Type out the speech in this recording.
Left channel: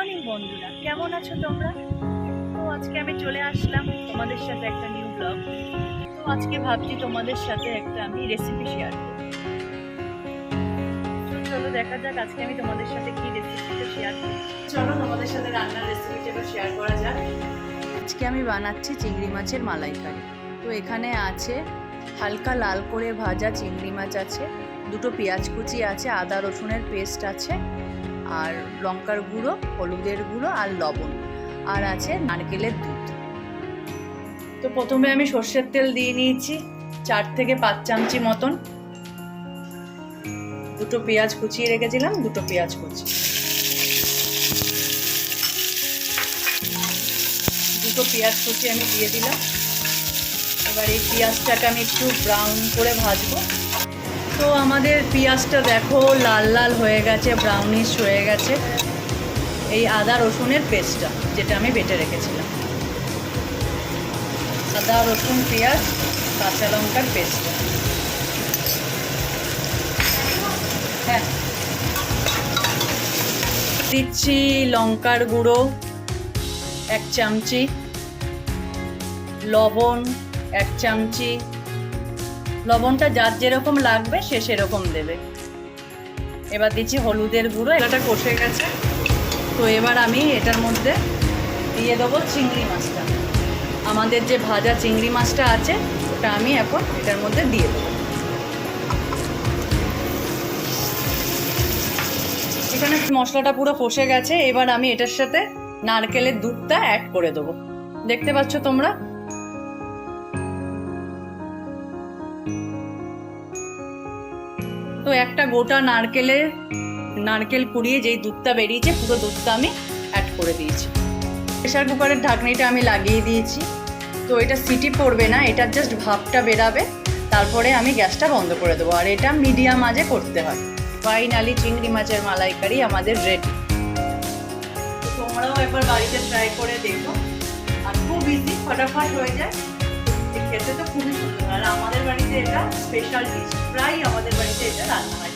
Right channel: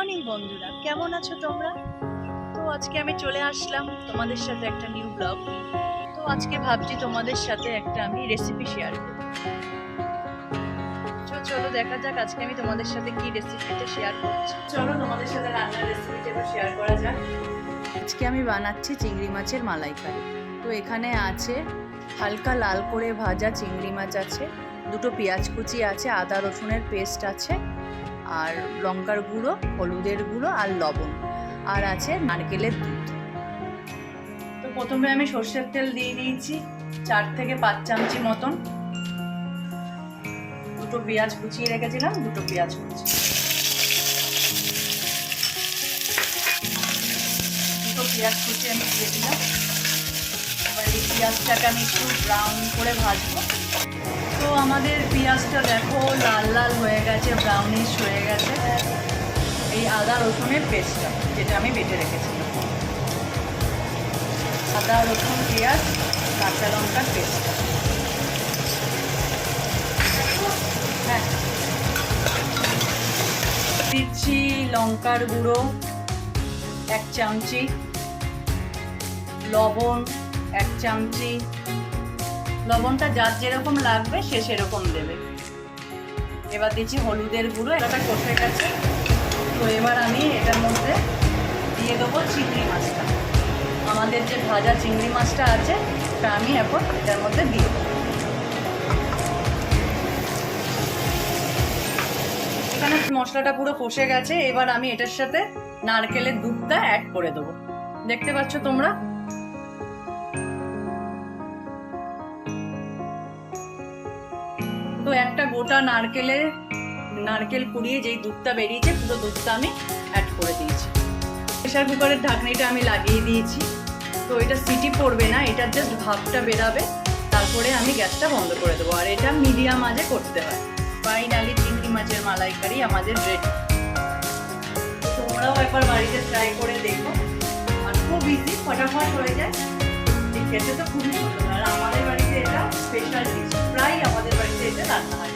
Morning বন্ধুরা, কেমন আছো তোমরা? তো আজকে আমি চলে আসলাম তোমাদের সাথে একটা নিউ ব্লগ। তো আজকে ভাবছি তোমাদের সাথে একটা আমি রেসিপি শেয়ার করব। তো চলো দেখা যাক আজকে আমি তোমাদের সাথে কি রেসিপিটা শেয়ার করছি। চলো তোমাদের সাথে রান্নার রেসিপিটা এবার শেয়ার করা যাক। আজকে আমি বানাচ্ছি চিংড়ি মাছের মালাইকারি। তো এখানে আছে হালকা লাল করে ভাজা চিংড়ি মাছ আছে, দুটো পেঁয়াজ কুচি আছে, আদা রসুনের পেস্ট আছে, আর লঙ্কার গুঁড়ো, হলুদের গুঁড়ো আর লবণ, আর আছে নারকেলের দুধ। তো প্রথমে আমি সর্ষের তেল দিয়ে নিয়েছি 4 থেকে 5 চামচি মতন। দুটো পেঁয়াজ কুচিয়ে রেখেছিলাম, দুটো পেঁয়াজ কুচি, দুটো পেঁয়াজ কুচি আমি দিয়ে দিলাম। এবার এই পেঁয়াজটাকে আমি একটু ব্রাউন করে ভাজবো। তো আমাদের পেঁয়াজটা দেখো লাল লাল হয়ে গেছে, ব্রাউনিশ হয়ে গেছে। এই আদা রসুনের পেস্টটা যেটা আমি বেটে রেখেছিলাম, আদা রসুন পেঁয়াজ কাঁচা লঙ্কার পেস্ট, হ্যাঁ দিচ্ছি লঙ্কার গুঁড়ো 1 চামচি, লবণ 1 চামচি। লবণটা যার যেরকম লাগবে সে সেরকম দেবে। এবার দিচ্ছি হলুদের গুঁড়ো। এটা কষে গেছে, তো এবার আমি এটার মধ্যে দিয়ে দেবো চিংড়ি মাছটা। আমাদের যে ভাজা চিংড়ি মাছটা আছে ওটা আমি এখন এটার মধ্যে দিয়ে দেবো। এখানে মশলাটা পুরো কষে গেছে। এবার আমি এটার সাথে নারকেলের দুধটা অ্যাড করে দেবো। দেখতে পাচ্ছ তোমরা? তো একটা গোটা নারকেল কুড়িয়ে যেই দুধটা বেরিয়েছে পুরো দুধটা আমি অ্যাড করে দিয়েছি। প্রেসার কুকারের ঢাকনিটা আমি লাগিয়ে দিয়েছি। তো এটা সিটি পড়বে না, এটা জাস্ট ভাপটা বেরাবে, তারপরে আমি গ্যাসটা বন্ধ করে দেবো। আর এটা মিডিয়াম আঁচে করতে হয়। ফাইনালি চিংড়ি মাছের মালাইকারি আমাদের রেডি। তো তোমরাও একবার বাড়িতে ট্রাই করে দেখো। আর খুব ইজি, ফটাফট হয়ে যায়, খেতে তো খুবই সুন্দর। আর আমাদের বাড়িতে এটা স্পেশাল ডিশ, প্রায় আমাদের বাড়িতে এটা রান্না হয়।